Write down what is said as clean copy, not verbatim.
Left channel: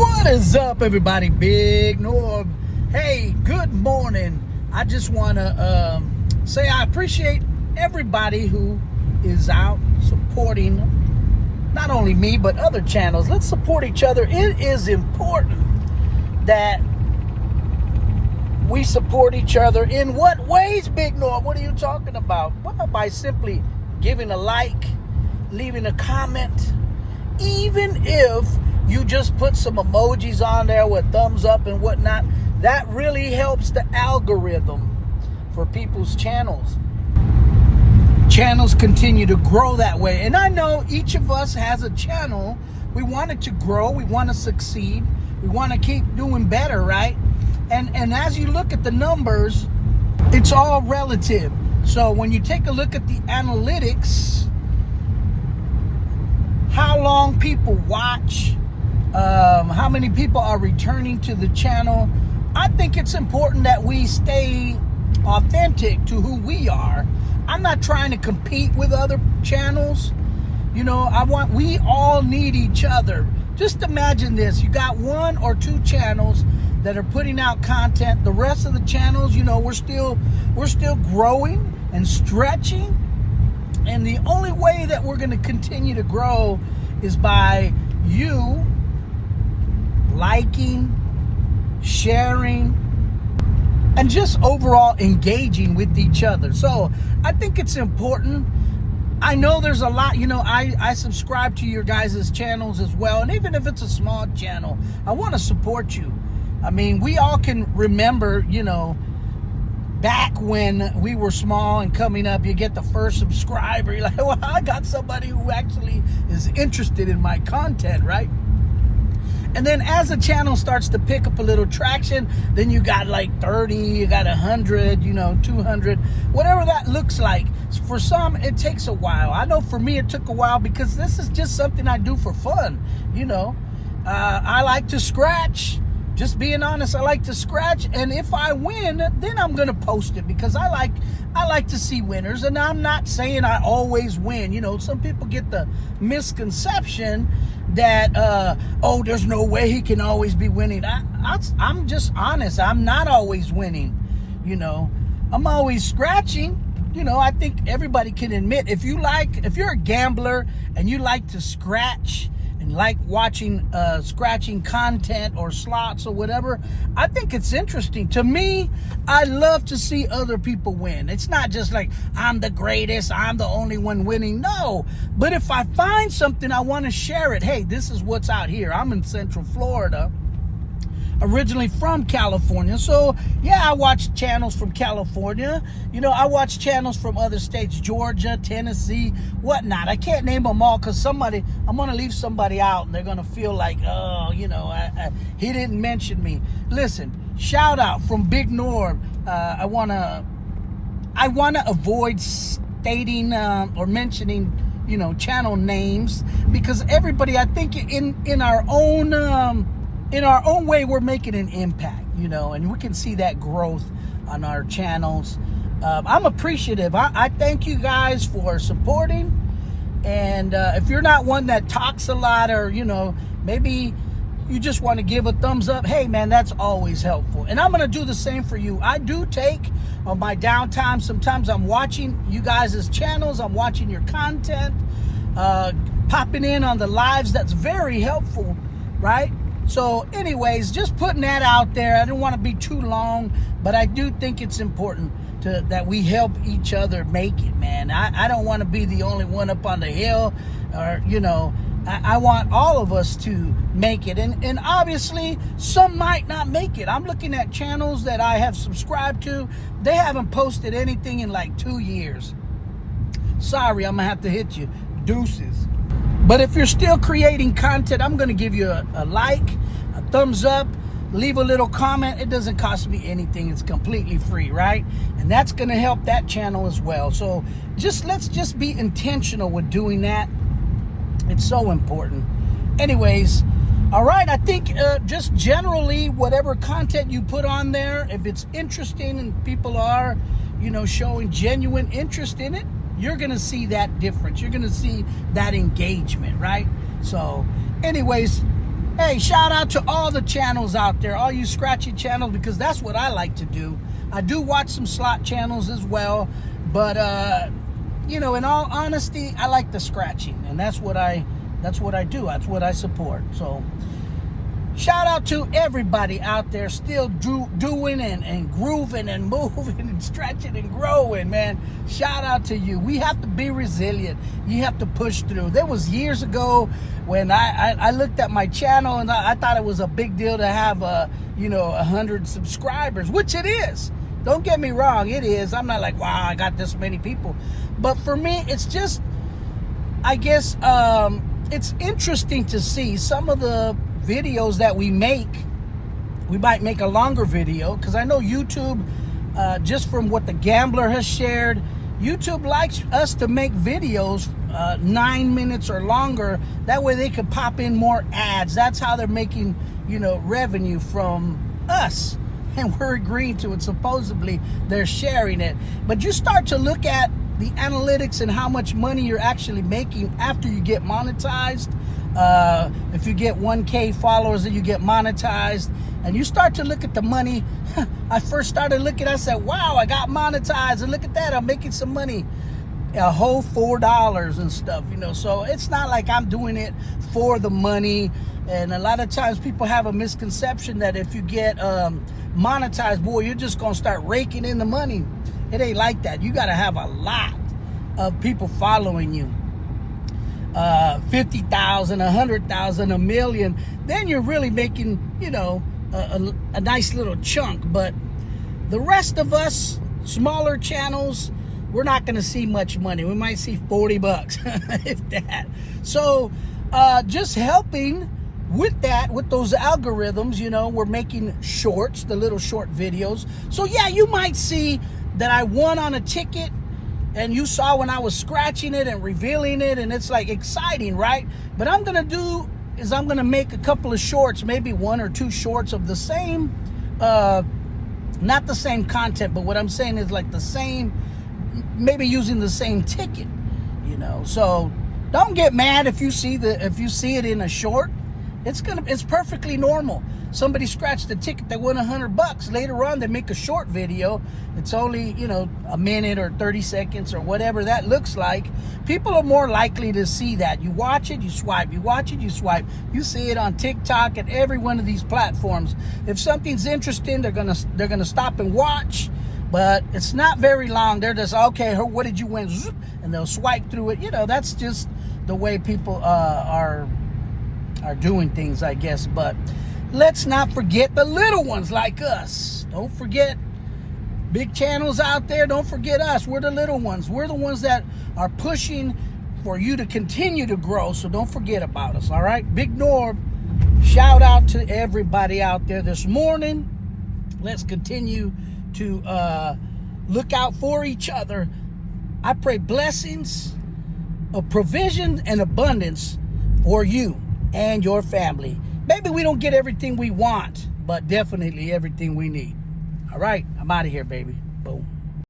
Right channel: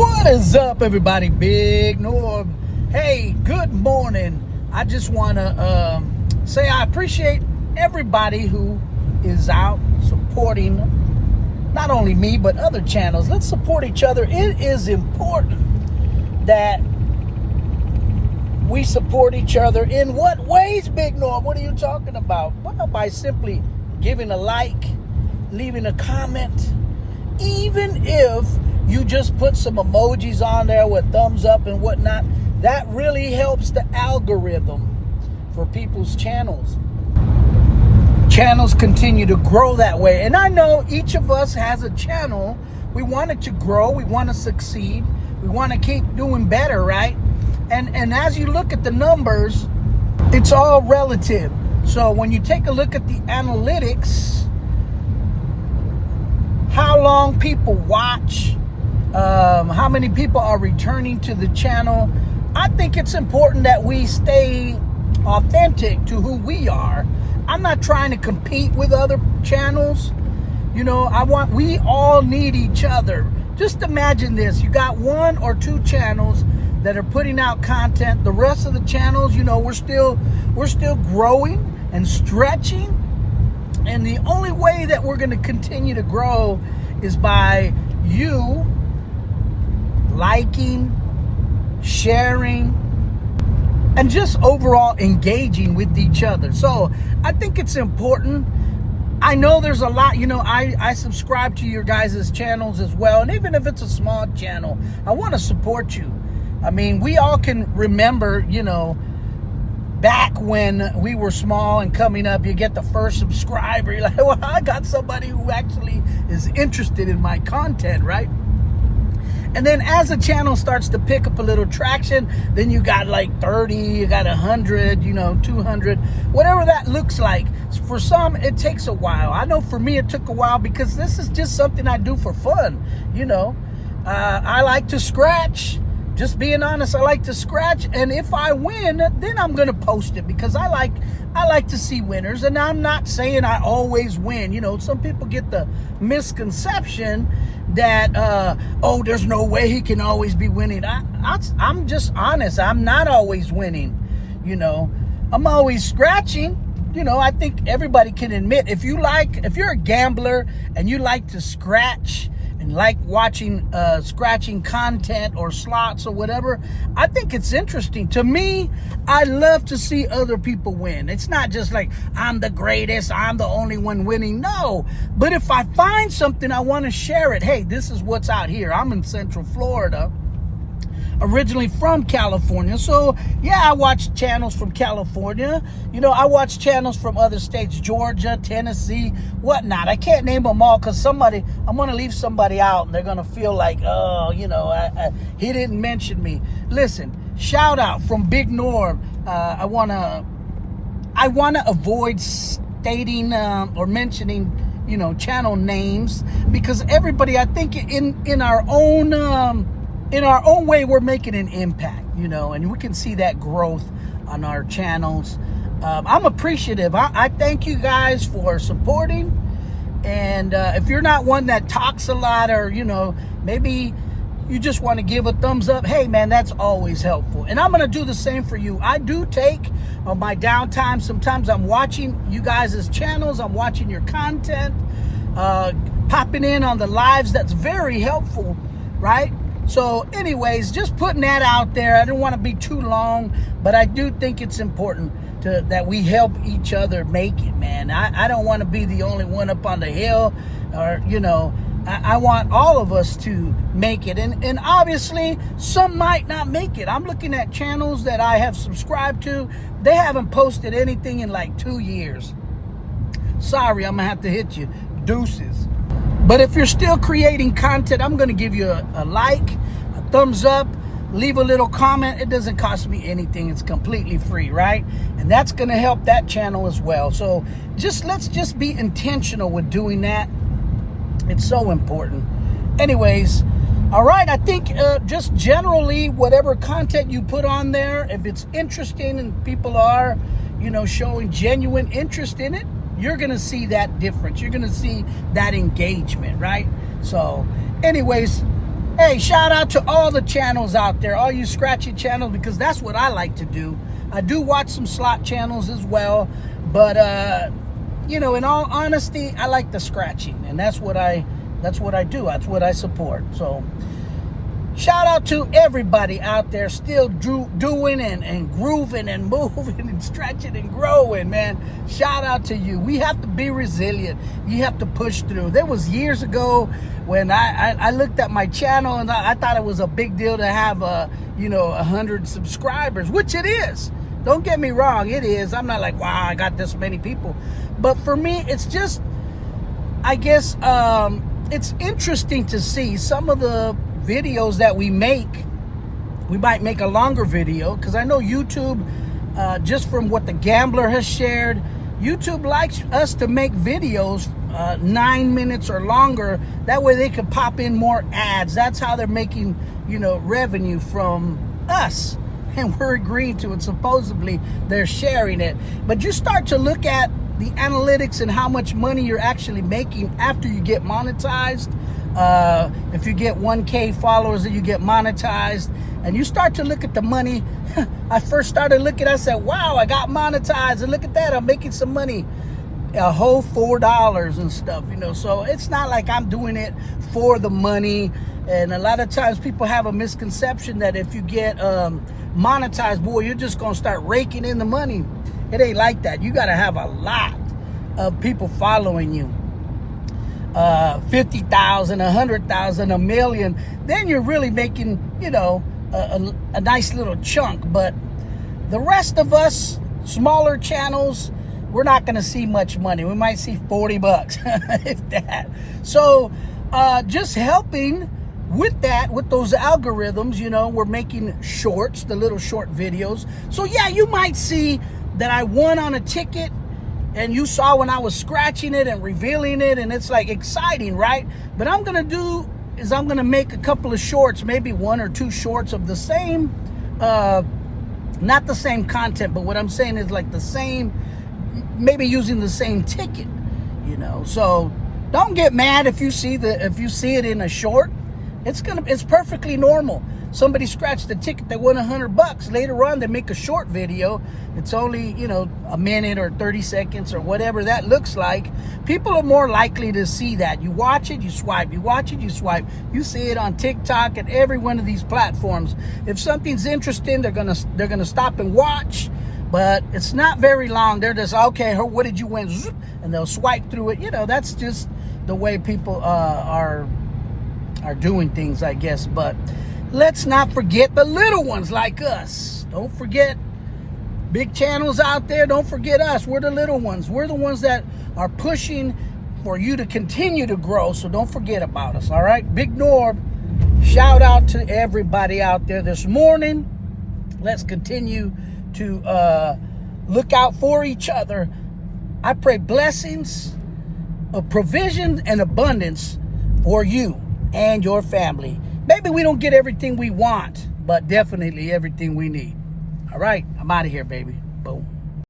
What is up, everybody? Big Norb. Hey, good morning. I just want to say I appreciate everybody who is out supporting not only me, but other channels. Let's support each other. It is important that we support each other. In what ways, Big Norb? What are you talking about? Well, by simply giving a like, leaving a comment, even if you just put some emojis on there with thumbs up and whatnot. That really helps the algorithm for people's channels. Channels continue to grow that way. And I know each of us has a channel. We want it to grow. We want to succeed. We want to keep doing better, right? And as you look at the numbers, it's all relative. So when you take a look at the analytics, how long people watch, how many people are returning to the channel, I think it's important that we stay authentic to who we are. I'm not trying to compete with other channels. You know, we all need each other. Just imagine this. You got one or two channels that are putting out content. The rest of the channels, you know, we're still growing and stretching. And the only way that we're going to continue to grow is by you liking, sharing, and just overall engaging with each other. So I think it's important. I know there's a lot, you know, I subscribe to your guys' channels as well. And even if it's a small channel, I want to support you. I mean, we all can remember, you know, back when we were small and coming up, you get the first subscriber. You're like, well, I got somebody who actually is interested in my content, right? And then as the channel starts to pick up a little traction, then you got like 30, you got 100, you know, 200, whatever that looks like. For some, it takes a while. I know for me, it took a while because this is just something I do for fun. You know, I like to scratch. Just being honest, I like to scratch, and if I win, then I'm gonna post it because I like to see winners. And I'm not saying I always win. You know, some people get the misconception that oh, there's no way he can always be winning. I'm just honest. I'm not always winning. You know, I'm always scratching. You know, I think everybody can admit if you're a gambler and you like to scratch and like watching scratching content or slots or whatever, I think it's interesting. To me, I love to see other people win. It's not just like, I'm the greatest, I'm the only one winning. No, but if I find something, I want to share it. Hey, this is what's out here. I'm in Central Florida, originally from California. So yeah, I watch channels from California. You know, I watch channels from other states, Georgia, Tennessee, whatnot. I can't name them all because I'm going to leave somebody out and they're going to feel like, oh, you know, he didn't mention me. Listen, shout out from Big Norb. I want to avoid stating or mentioning, you know, channel names because everybody, I think in our own way, we're making an impact, you know, and we can see that growth on our channels. I'm appreciative. I thank you guys for supporting. And if you're not one that talks a lot, or, you know, maybe you just want to give a thumbs up, hey, man, that's always helpful. And I'm going to do the same for you. I do take my downtime. Sometimes I'm watching you guys' channels. I'm watching your content, popping in on the lives. That's very helpful, right? So anyways, just putting that out there. I don't want to be too long, but I do think it's important that we help each other make it, man. I don't want to be the only one up on the hill, or, you know, I want all of us to make it. And obviously, some might not make it. I'm looking at channels that I have subscribed to. They haven't posted anything in like 2 years. Sorry, I'm going to have to hit you. Deuces. But if you're still creating content, I'm going to give you a like, a thumbs up, leave a little comment. It doesn't cost me anything. It's completely free, right? And that's going to help that channel as well. So let's just be intentional with doing that. It's so important. Anyways, all right, I think just generally whatever content you put on there, if it's interesting and people are, you know, showing genuine interest in it, you're going to see that difference. You're going to see that engagement, right? So anyways, Hey, shout out to all the channels out there, all you scratchy channels, because that's what I like to do. I do watch some slot channels as well, but you know, in all honesty, I like the scratching, and that's what I do. That's what I support. So shout out to everybody out there still doing and grooving and moving and stretching and growing, man. Shout out to you. We have to be resilient. You have to push through. There was years ago when I looked at my channel and I thought it was a big deal to have 100 subscribers, which it is. Don't get me wrong, it is. I'm not like, wow, I got this many people. But for me, it's just, I guess, it's interesting to see some of the videos that we make. We might make a longer video, because I know YouTube, just from what the Gambler has shared, YouTube likes us to make videos 9 minutes or longer. That way they can pop in more ads. That's how they're making, revenue from us. And we're agreeing to it. Supposedly they're sharing it. But you start to look at the analytics and how much money you're actually making after you get monetized. If you get 1K followers and you get monetized, and you start to look at the money. I first started looking, I said, wow, I got monetized, and look at that, I'm making some money, a whole $4 and stuff, so it's not like I'm doing it for the money. And a lot of times people have a misconception that if you get monetized, boy, you're just gonna start raking in the money. It ain't like that. You gotta have a lot of people following you. 50,000, 100,000, 1 million, then you're really making, a nice little chunk. But the rest of us, smaller channels, we're not going to see much money. We might see $40, if that. So just helping with that, with those algorithms, we're making shorts, the little short videos. So yeah, you might see that I won on a ticket, and you saw when I was scratching it and revealing it, and it's like exciting, right? But I'm gonna do is I'm gonna make a couple of shorts, maybe 1 or 2 shorts of the same, not the same content, but what I'm saying is like the same, maybe using the same ticket, So don't get mad if you see it in a short. It's perfectly normal. Somebody scratched the ticket, they won $100. Later on, they make a short video. It's only, a minute or 30 seconds or whatever that looks like. People are more likely to see that. You watch it, you swipe. You watch it, you swipe. You see it on TikTok and every one of these platforms. If something's interesting, they're gonna stop and watch. But it's not very long. They're just, okay, what did you win? And they'll swipe through it. That's just the way people are doing things, I guess. But let's not forget the little ones like us. Don't forget big channels out there. Don't forget us. We're the little ones. We're the ones that are pushing for you to continue to grow. So don't forget about us, all right? Big Norb, shout out to everybody out there this morning. Let's continue to look out for each other. I pray blessings of provision and abundance for you and your family. Maybe we don't get everything we want, but definitely everything we need. All right, I'm out of here, baby. Boom.